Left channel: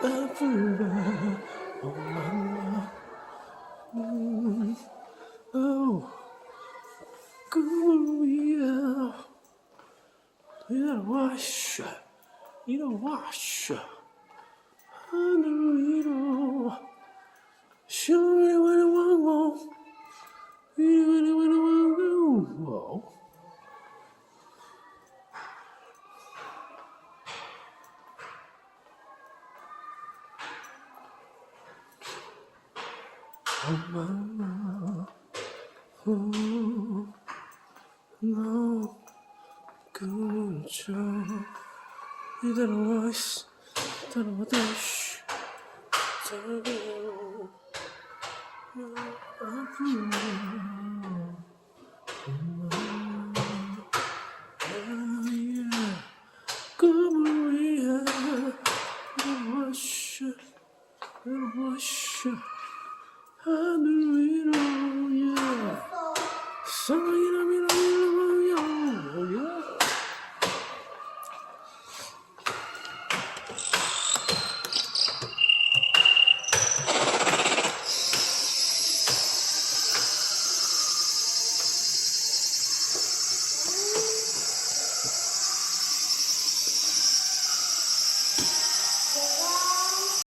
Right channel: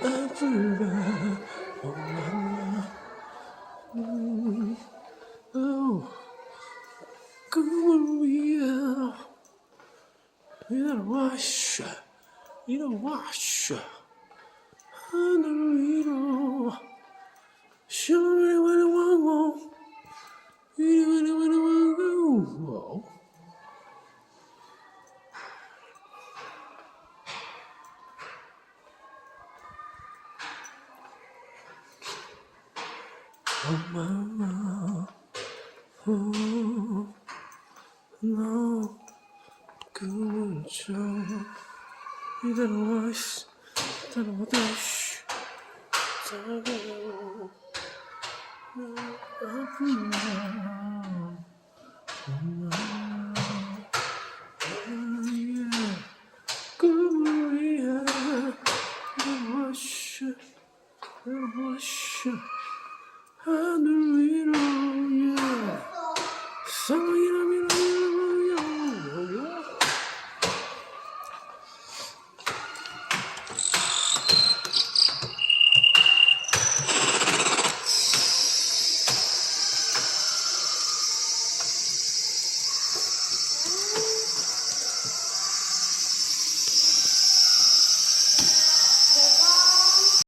날 불러 엄마 꿈을 위해 일어나와쇼 일어나와쇼 하늘 위로 샤라라라라라라 이리와라와라와라 엄마 너 꿈을 줘 이대로 와시 이대로 다시 자고 아프냐 엄마 나의 꿈을 위해 이대로 와시 이대로 와시 하늘 위로